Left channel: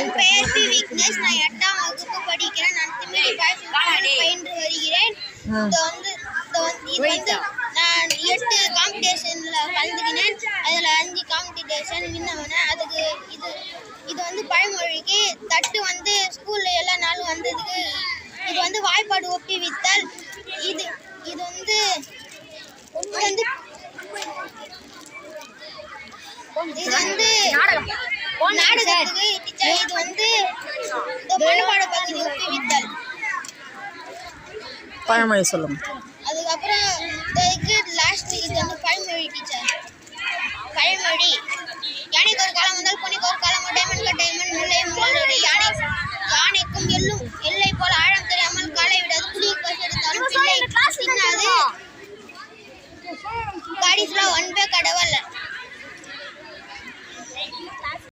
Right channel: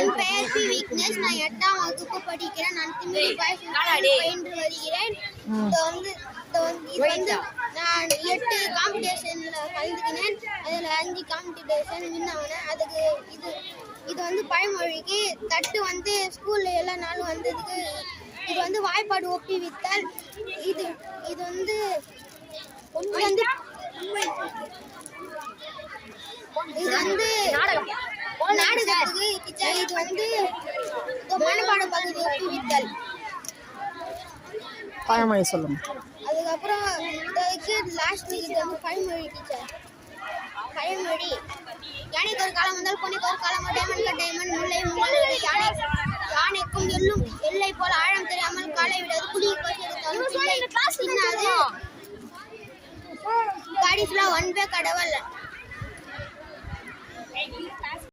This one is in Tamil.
என் பெயர் பி விக்னேஷ். நான் 8ஆம் வகுப்பு படிக்கிறேன். நான் திமிரி பாய்ஸ் பயின்று வருகிறேன். நான் 8 காம்படிஷன்ல கலந்துக்கினேன். அதில் 5 காம்படிஷன் வின் ஆனேன். அதுக்கு இது பழமொழிக்கு தட்டு ஸ்கூல்ல எல்லா நாளும் வந்ததுக்கு இது வாய்ப்பாடு ஒப்புவித்தல். இது நாடகத்துக்கு டீச்சர். இது மனப்பாட பகுதி ஒப்புவித்தல். பழமொழி சொல்லுங்க. அதுக்கப்புறம் லாஸ்ட் இது பழமொழி டீச்சர். பழமொழி யானைக்கு ஒரு காலம் வந்தால் பொன்னிக்கு ஒரு காலம்